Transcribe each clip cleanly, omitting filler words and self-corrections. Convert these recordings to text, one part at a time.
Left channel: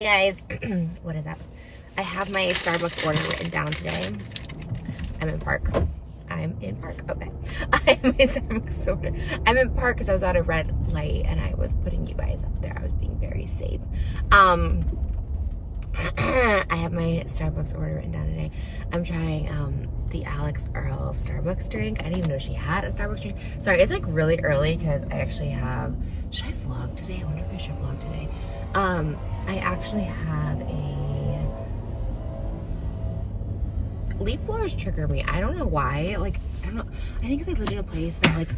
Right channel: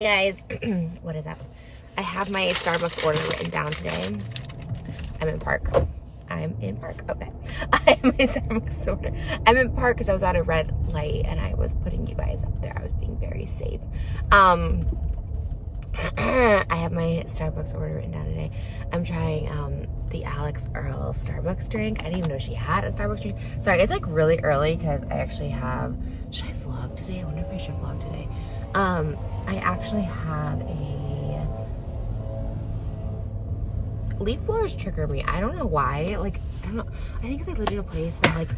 Guys, what is that? I have my Starbucks order written down today. I'm in park. Okay. I have my Starbucks order. I'm in park because I was out of red light and I was putting you guys up there. I was being very safe. I have my Starbucks order written down today. I'm trying the Alix Earle Starbucks drink. I didn't even know she had a Starbucks drink. Sorry, it's like really early because I actually have, should I vlog today? I wonder if I should vlog today. I actually have a, leaf blowers trigger me. I don't know why. Like, I don't know. I think because I lived in a place that like,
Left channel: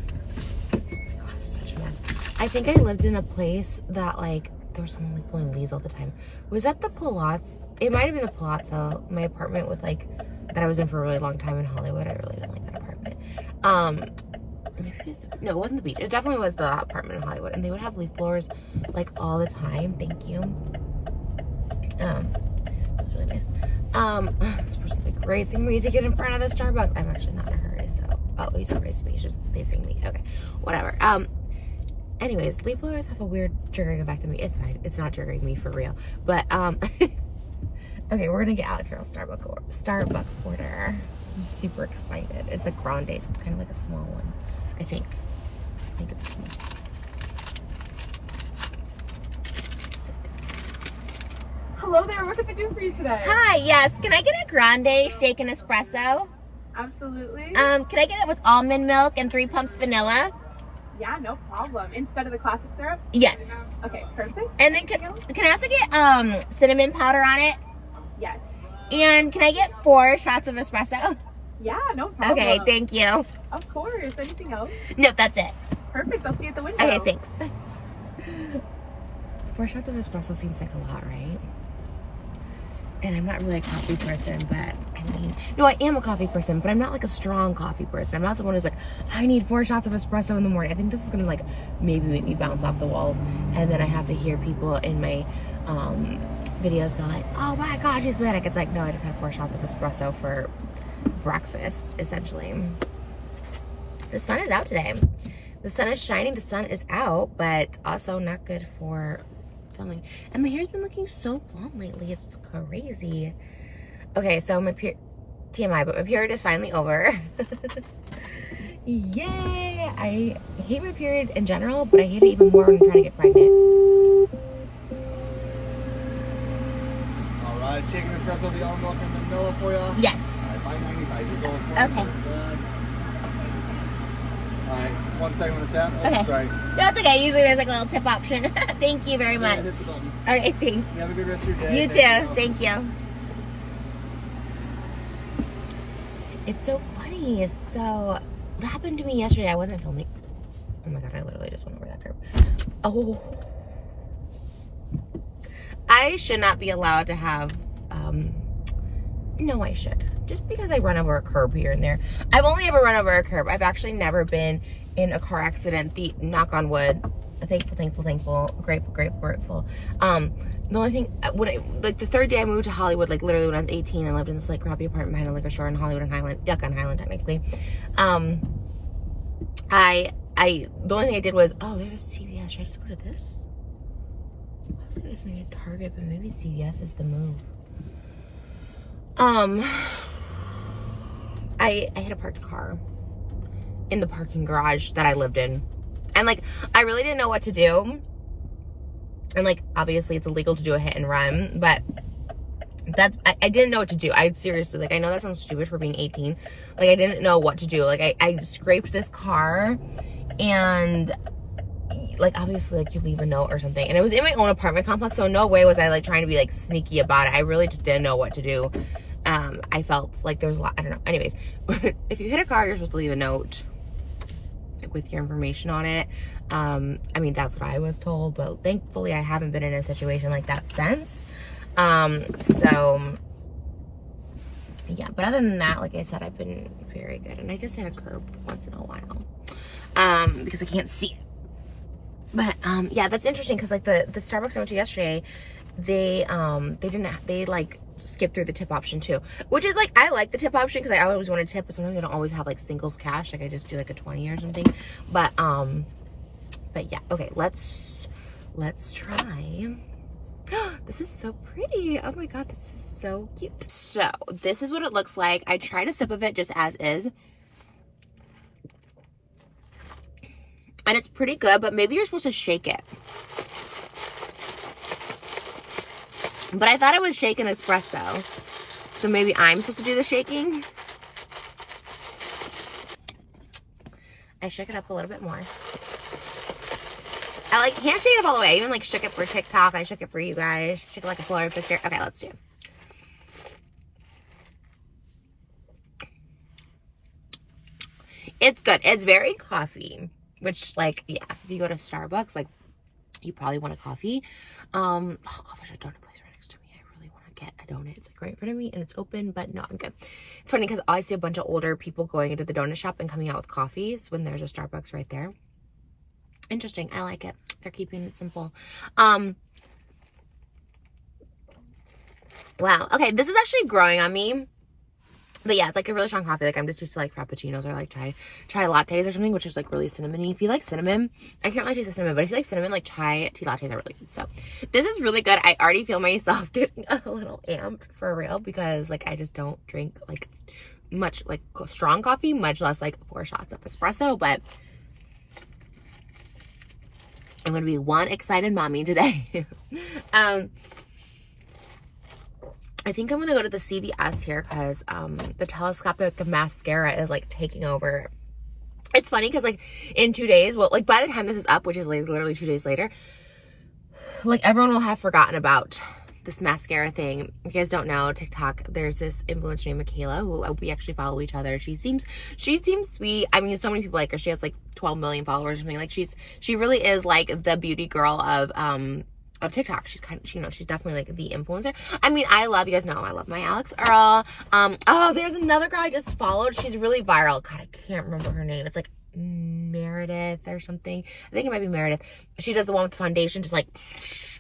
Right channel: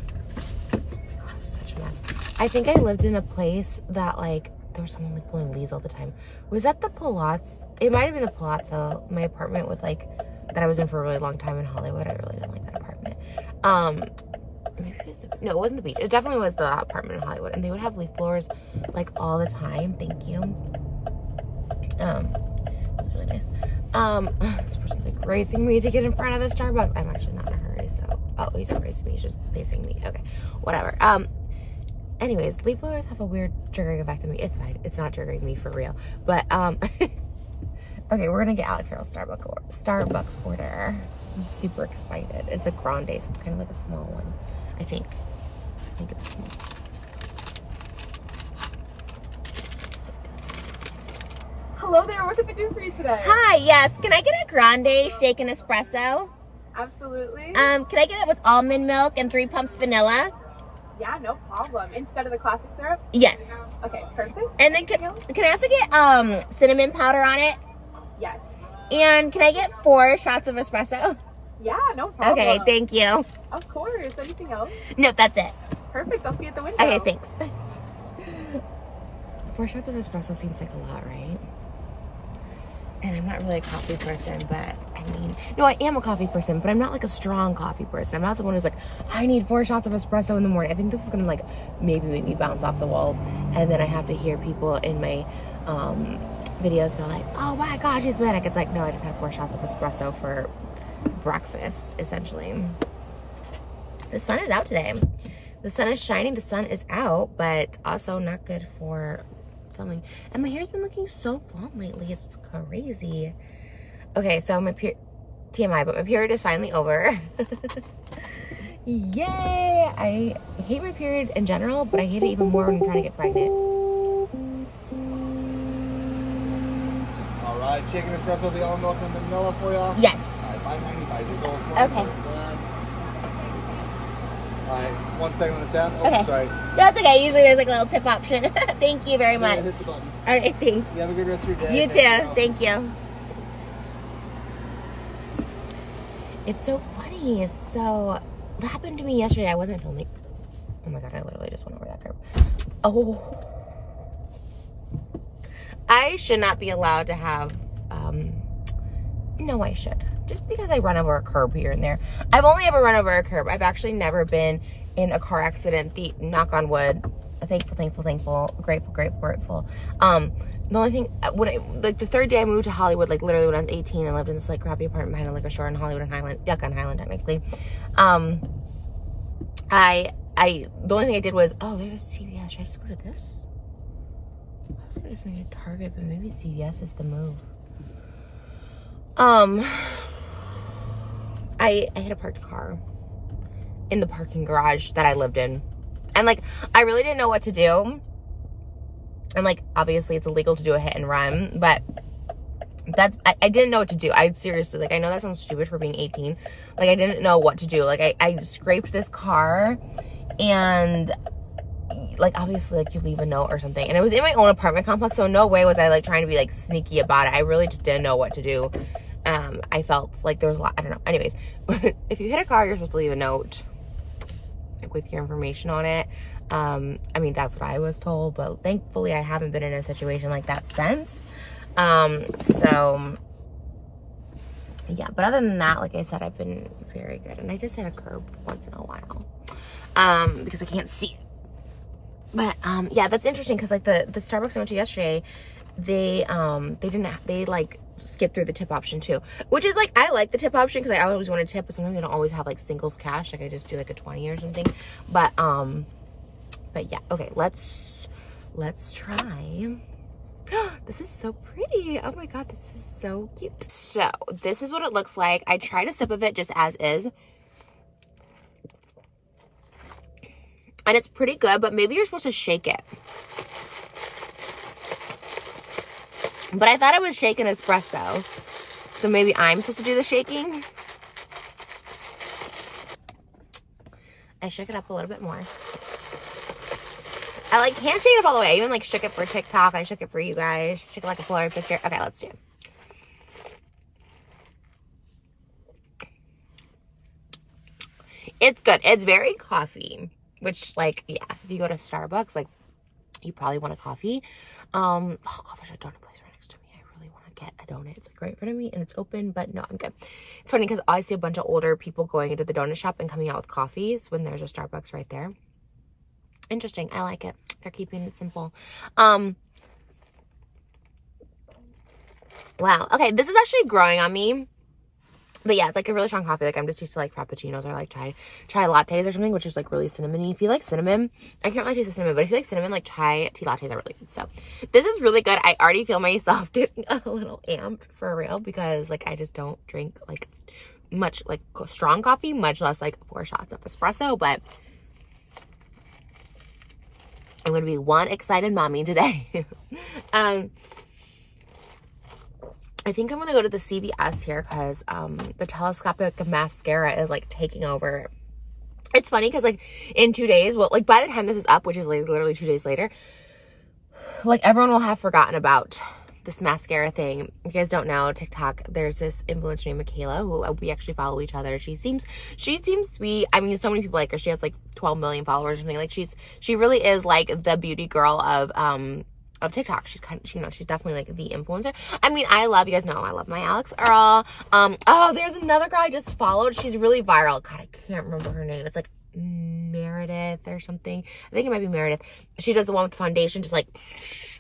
oh my God, it's such a mess. I think I lived in a place that like, there was someone like blowing leaves all the time. Was that the Palazzo? It might have been the Palazzo, my apartment with like, that I was in for a really long time in Hollywood. I really didn't like that apartment. Maybe it was no, it wasn't the beach. It definitely was the apartment in Hollywood. And they would have leaf blowers like all the time. Thank you. It was really nice. This person's like racing me to get in front of the Starbucks. I'm actually not in a hurry, so, oh, he's not racing me, he's just facing me. Okay, whatever. Anyways, leaf blowers have a weird triggering effect on me. It's fine. It's not triggering me for real. But, okay, we're gonna get Alix Earle Starbucks order. I'm super excited. It's a grande, so it's kind of like a small one. I think it's small. Hello there, what can I do for you today? Hi, yes. Can I get a grande shaken espresso? Absolutely. Can I get it with almond milk and 3 pumps vanilla? Yeah, no problem. Instead of the classic syrup? Yes. Okay, perfect. And then can I also get cinnamon powder on it? Yes. And can I get 4 shots of espresso? Yeah, no problem. Okay, thank you. Of course. Anything else? Nope, that's it. Perfect. I'll see you at the window. Okay, thanks. 4 shots of espresso seems like a lot, right? And I'm not really a coffee person, but I mean, no, I am a coffee person, but I'm not like a strong coffee person. I'm not someone who's like, I need 4 shots of espresso in the morning. I think this is gonna like maybe make me bounce off the walls, and then I have to hear people in my videos go like, oh my gosh, she's manic. It's like, no, I just had 4 shots of espresso for breakfast, essentially. The sun is out today. The sun is shining, the sun is out, but also not good for filming. And my hair's been looking so blonde lately. It's crazy. Okay, so my TMI, but my period is finally over. Yay! I hate my period in general, but I hate it even more when I'm trying to get pregnant. Alright, chicken espresso, the almond milk and vanilla for you? Yes. Okay. 1 second on the tap. Oh, Okay. sorry. No, it's okay. Usually there's like a little tip option. Thank you very much. Yeah, hit the button. Okay, thanks. You have a good rest of your day. You too. Thank you. It's so funny. So, that happened to me yesterday. I wasn't filming. Oh my God, I literally just went over that curb. Oh. I should not be allowed to have, no, I should. Just because I run over a curb here and there. I've only ever run over a curb. I've actually never been in a car accident. Knock on wood. Thankful, grateful. The only thing, when like the 3rd day I moved to Hollywood, like literally when I was 18 and lived in this like crappy apartment behind a liquor store in Hollywood and Highland, Yukon Highland technically. The only thing I did was, oh, there's a CVS. Should I just go to this? I was gonna just need a Target, but maybe CVS is the move. I had a parked car in the parking garage that I lived in. And like, I really didn't know what to do. And like, obviously it's illegal to do a hit and run, but I didn't know what to do. I seriously, like, I know that sounds stupid for being 18. Like, I didn't know what to do. Like, I scraped this car and like, obviously like you leave a note or something. And it was in my own apartment complex. So no way was I like trying to be like sneaky about it. I really just didn't know what to do. I felt like there was a lot, I don't know. Anyways, if you hit a car, you're supposed to leave a note like with your information on it. I mean, that's what I was told, but thankfully I haven't been in a situation like that since. So yeah, but other than that, like I said, I've been very good. And I just hit a curb once in a while, because I can't see it. But, yeah, that's interesting. Cause like the Starbucks I went to yesterday, they like skip through the tip option too, which is like, I like the tip option because I always want to tip, but sometimes I don't always have like singles cash. Like I just do like a 20 or something. But yeah, okay, let's try This is so pretty. Oh my God, this is so cute. So this is what it looks like. I tried a sip of it just as is. And it's pretty good, but maybe you're supposed to shake it. But I thought it was shaken espresso. So maybe I'm supposed to do the shaking. I shook it up a little bit more. I like can't shake it up all the way. I even like shook it for TikTok. I shook it for you guys. Shook it like a Polaroid picture. Okay, let's do it. It's good. It's very coffee, which like, yeah, if you go to Starbucks, like you probably want a coffee. Oh God, there's a donut place right next to me. I really want to get a donut. It's like right in front of me and it's open, but no, I'm good. It's funny because I see a bunch of older people going into the donut shop and coming out with coffees when there's a Starbucks right there. Interesting. I like it. They're keeping it simple. Wow. Okay, this is actually growing on me. But yeah, it's like a really strong coffee. Like I'm just used to like frappuccinos or like chai lattes or something, which is like really cinnamony. If you like cinnamon, I can't really taste the cinnamon, but if you like cinnamon, like chai tea lattes are really good. So this is really good. I already feel myself getting a little amped for real because like I just don't drink like much like strong coffee, much less like 4 shots of espresso. But I'm gonna be one excited mommy today. I think I'm going to go to the CVS here because the telescopic mascara is like taking over. It's funny because like in 2 days, well, like by the time this is up, which is like literally 2 days later, like everyone will have forgotten about this mascara thing. If you guys don't know, TikTok, there's this influencer named Michaela who we actually follow each other. She seems sweet. I mean, so many people like her. She has like 12 million followers or something. Like she really is like the beauty girl of TikTok. She's kind of, you know, she's definitely like the influencer. I mean, you guys know I love my Alix Earle. Oh, there's another girl I just followed. She's really viral. God, I can't remember her name. It's like Meredith or something. I think it might be Meredith. She does the one with the foundation, just like,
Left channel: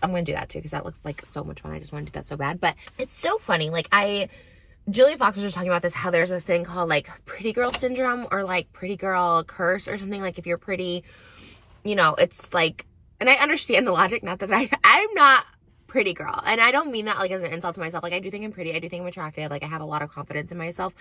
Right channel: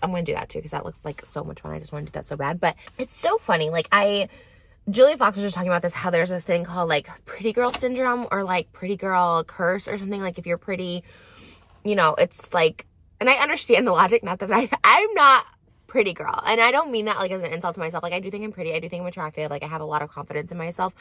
I'm going to do that too because that looks like so much fun. I just want to do that so bad. But it's so funny. Like Julia Fox was just talking about this, how there's this thing called like pretty girl syndrome or like pretty girl curse or something. Like if you're pretty, you know, it's like, and I understand the logic, not that I'm not pretty girl. And I don't mean that like as an insult to myself. Like I do think I'm pretty. I do think I'm attractive. Like I have a lot of confidence in myself.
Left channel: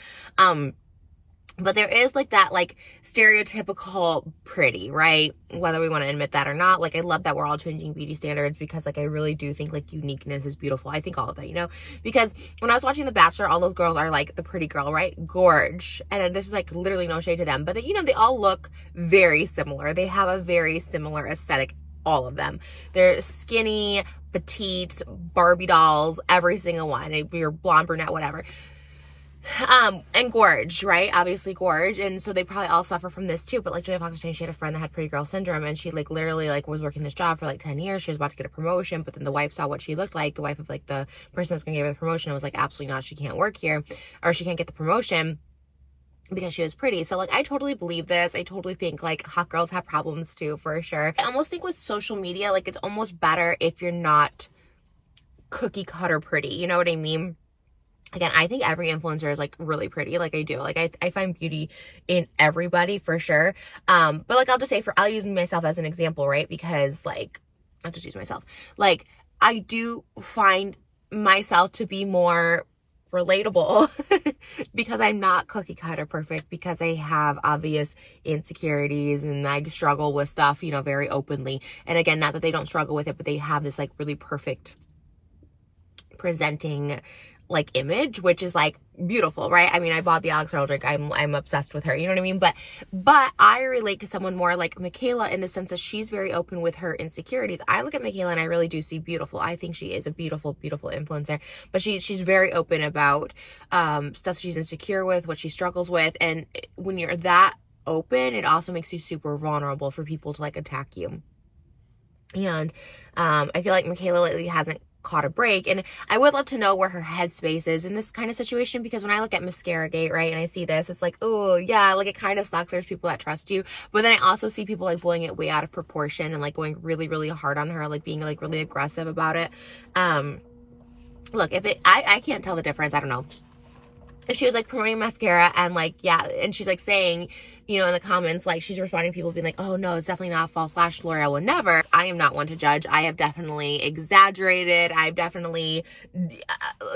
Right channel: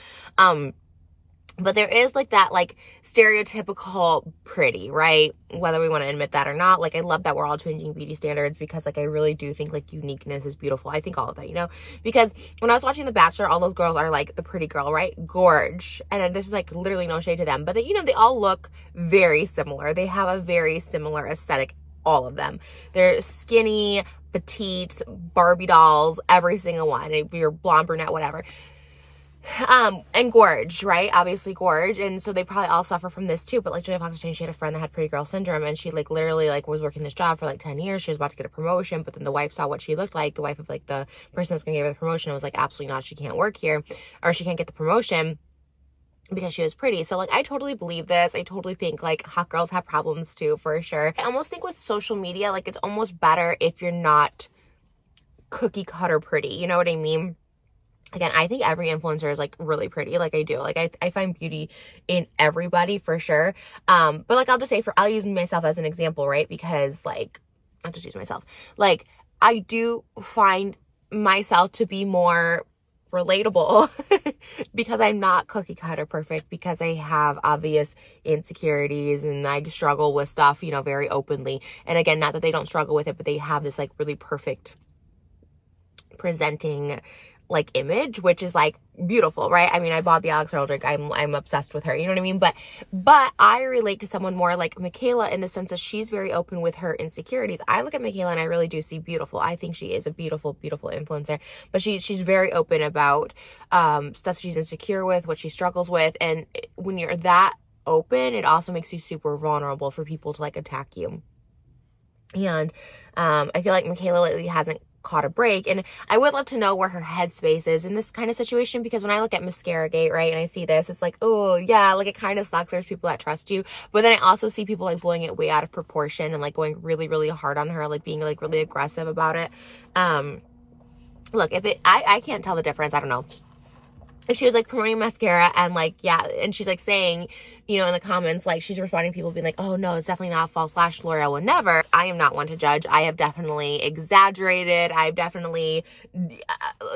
But there is like that like stereotypical pretty, right? Whether we want to admit that or not. Like I love that we're all changing beauty standards because like I really do think like uniqueness is beautiful. I think all of that, you know, because when I was watching The Bachelor, all those girls are like the pretty girl, right? Gorge. And there's like literally no shade to them, but you know, they all look very similar. They have a very similar aesthetic. All of them. They're skinny, petite, Barbie dolls, every single one. If you're blonde, brunette, whatever. And gorge, right? Obviously gorge. And so they probably all suffer from this too. But like Julia Fox was saying, she had a friend that had pretty girl syndrome and she like literally like was working this job for like 10 years. She was about to get a promotion, but then the wife saw what she looked like. The wife of like the person that's going to give her the promotion was like, absolutely not. She can't work here or she can't get the promotion because she was pretty. So like I totally believe this. I totally think like hot girls have problems too, for sure. I almost think with social media, like it's almost better if you're not cookie cutter pretty. You know what I mean? Again, I think every influencer is like really pretty. Like I do. Like I find beauty in everybody for sure. But like I'll just say I'll use myself as an example, right? Because like I'll just use myself. Like I do find myself to be more relatable because I'm not cookie cutter perfect, because I have obvious insecurities and I struggle with stuff, you know, very openly. And again, not that they don't struggle with it, but they have this like really perfect presenting like image, which is like beautiful, right? I mean, I bought the Alix Earle drink. I'm obsessed with her. You know what I mean? But I relate to someone more like Michaela in the sense that she's very open with her insecurities. I look at Michaela and I really do see beautiful. I think she is a beautiful, beautiful influencer, but she's very open about stuff she's insecure with, what she struggles with. And when you're that open, it also makes you super vulnerable for people to like attack you. And I feel like Michaela lately hasn't caught a break, and I would love to know where her headspace is in this kind of situation, because when I look at Mascara Gate, right, and I see this, it's like, oh yeah, like it kind of sucks. There's people that trust you, but then I also see people like blowing it way out of proportion and like going really, really hard on her, like being like really aggressive about it. Look, if I can't tell the difference. I don't know. she was like promoting mascara and like, yeah, and she's like saying, you know, in the comments, like she's responding to people being like, oh no, it's definitely not a false lash, L'Oreal would never. I am not one to judge. I have definitely exaggerated. I've definitely,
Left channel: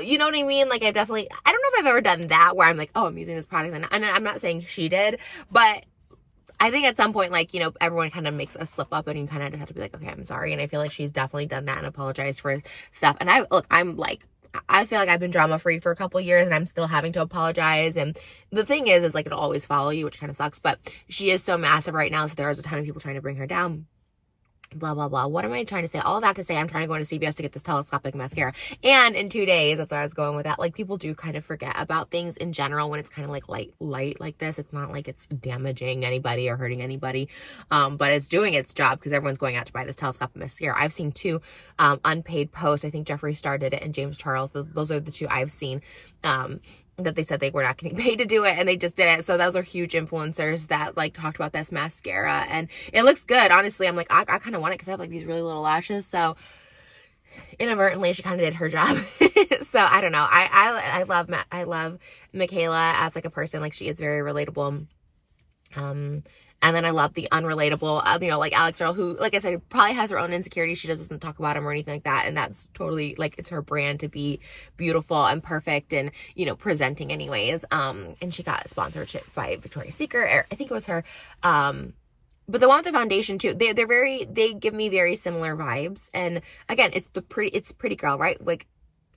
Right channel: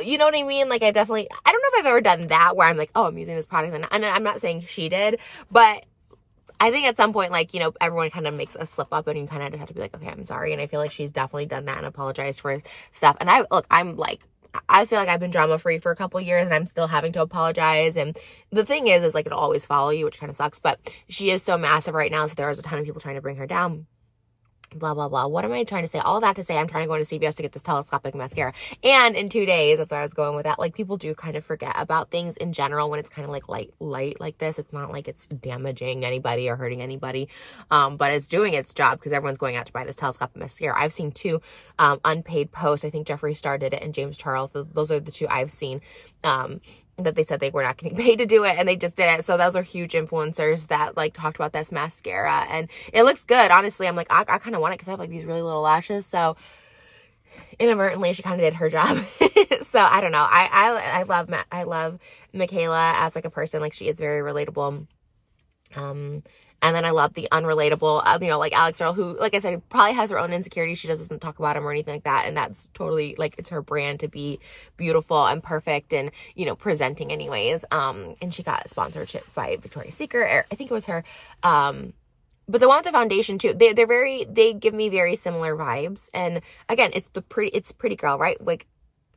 you know what I mean? Like I don't know if I've ever done that where I'm like, oh, I'm using this product, and I'm not saying she did, but I think at some point, like, you know, everyone kind of makes a slip up and you kind of just have to be like, okay, I'm sorry. And I feel like she's definitely done that and apologized for stuff. And I feel like I've been drama free for a couple years and I'm still having to apologize. And the thing is like, it'll always follow you, which kind of sucks, but she is so massive right now. So there's a ton of people trying to bring her down. Blah, blah, blah. What am I trying to say? All that to say, I'm trying to go into CVS to get this telescopic mascara. And in 2 days, that's where I was going with that. Like, people do kind of forget about things in general when it's kind of like light like this. It's not like it's damaging anybody or hurting anybody. But it's doing its job because everyone's going out to buy this telescopic mascara. I've seen 2 unpaid posts. I think Jeffree Star did it and James Charles. Those are the 2 I've seen. That they said they were not getting paid to do it and they just did it. So those are huge influencers that like talked about this mascara and it looks good. Honestly, I'm like, I kind of want it because I have like these really little lashes. So inadvertently, she kind of did her job. So I don't know. I love Michaela as like a person. Like she is very relatable. And then I love the unrelatable, you know, like Alix Earle, who, like I said, probably has her own insecurities. She doesn't talk about them or anything like that. And that's totally, like, it's her brand to be beautiful and perfect and, you know, presenting anyways. And she got a sponsorship by Victoria's Secret. Or I think it was her. But the one with the foundation, too, they give me very similar vibes. And, again, it's pretty girl, right? Like,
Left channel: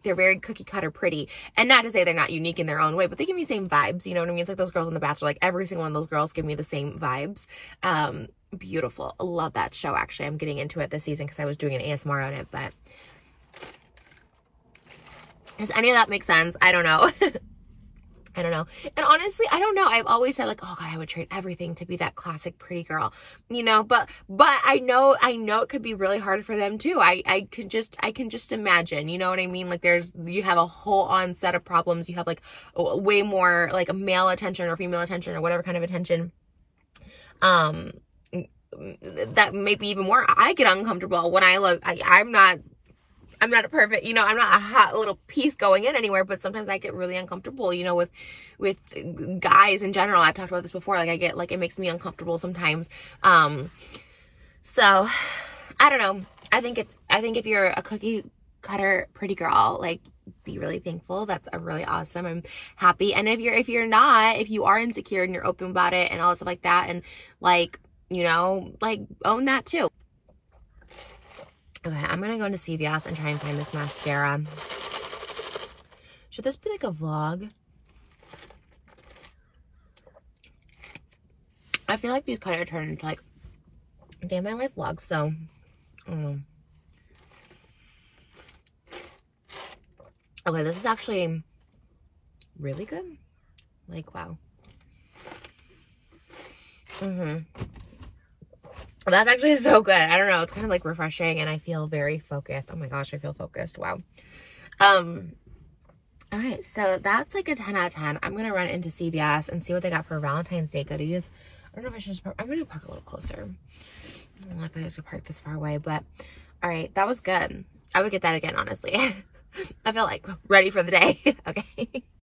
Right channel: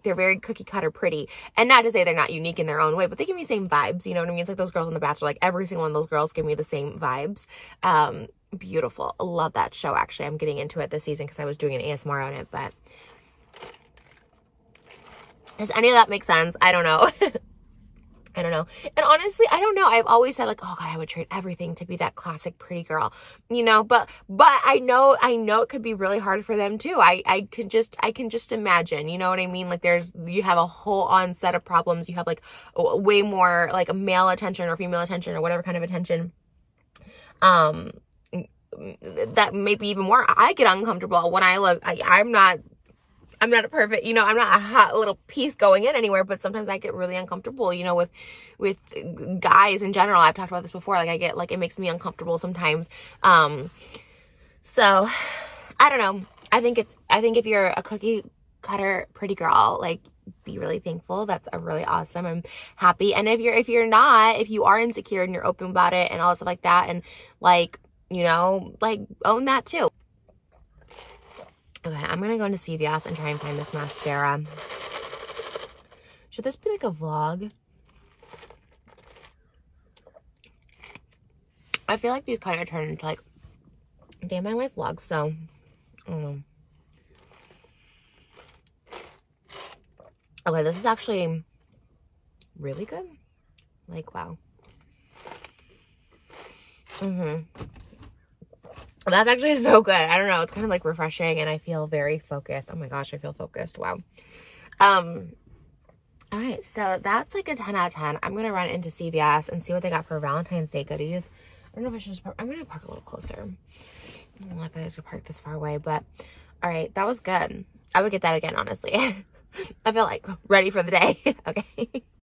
they're very cookie cutter pretty, and not to say they're not unique in their own way, but they give me the same vibes. You know what I mean? It's like those girls on The Bachelor, like every single one of those girls give me the same vibes. Beautiful. Love that show. Actually, I'm getting into it this season because I was doing an ASMR on it, but does any of that make sense? I don't know. I don't know. And honestly, I don't know. I've always said like, oh God, I would trade everything to be that classic pretty girl, you know, but I know it could be really hard for them too. I can just imagine, you know what I mean? Like you have a whole on set of problems. You have like way more like male attention or female attention or whatever kind of attention. That maybe even more, I get uncomfortable when I look, I'm not a perfect, you know, I'm not a hot little piece going in anywhere, but sometimes I get really uncomfortable, you know, with guys in general. I've talked about this before. Like I get, like, it makes me uncomfortable sometimes. So I don't know. I think if you're a cookie cutter pretty girl, like, be really thankful. That's a really awesome. I'm happy. And if you are insecure and you're open about it and all stuff like that, and like, you know, like own that too. Okay, I'm gonna go into CVS and try and find this mascara. Should this be like a vlog? I feel like these kind of turn into like day in my life vlogs, so I don't know. Okay, this is actually really good. Like, wow. That's actually so good. I don't know. It's kind of like refreshing and I feel very focused. Oh my gosh, I feel focused. Wow. All right. So that's like a 10 out of 10. I'm going to run into CVS and see what they got for Valentine's Day goodies. I don't know if I should just park. I'm going to park a little closer. I don't know if I have to park this far away, but all right. That was good. I would get that again, honestly. I feel like ready for the day. Okay.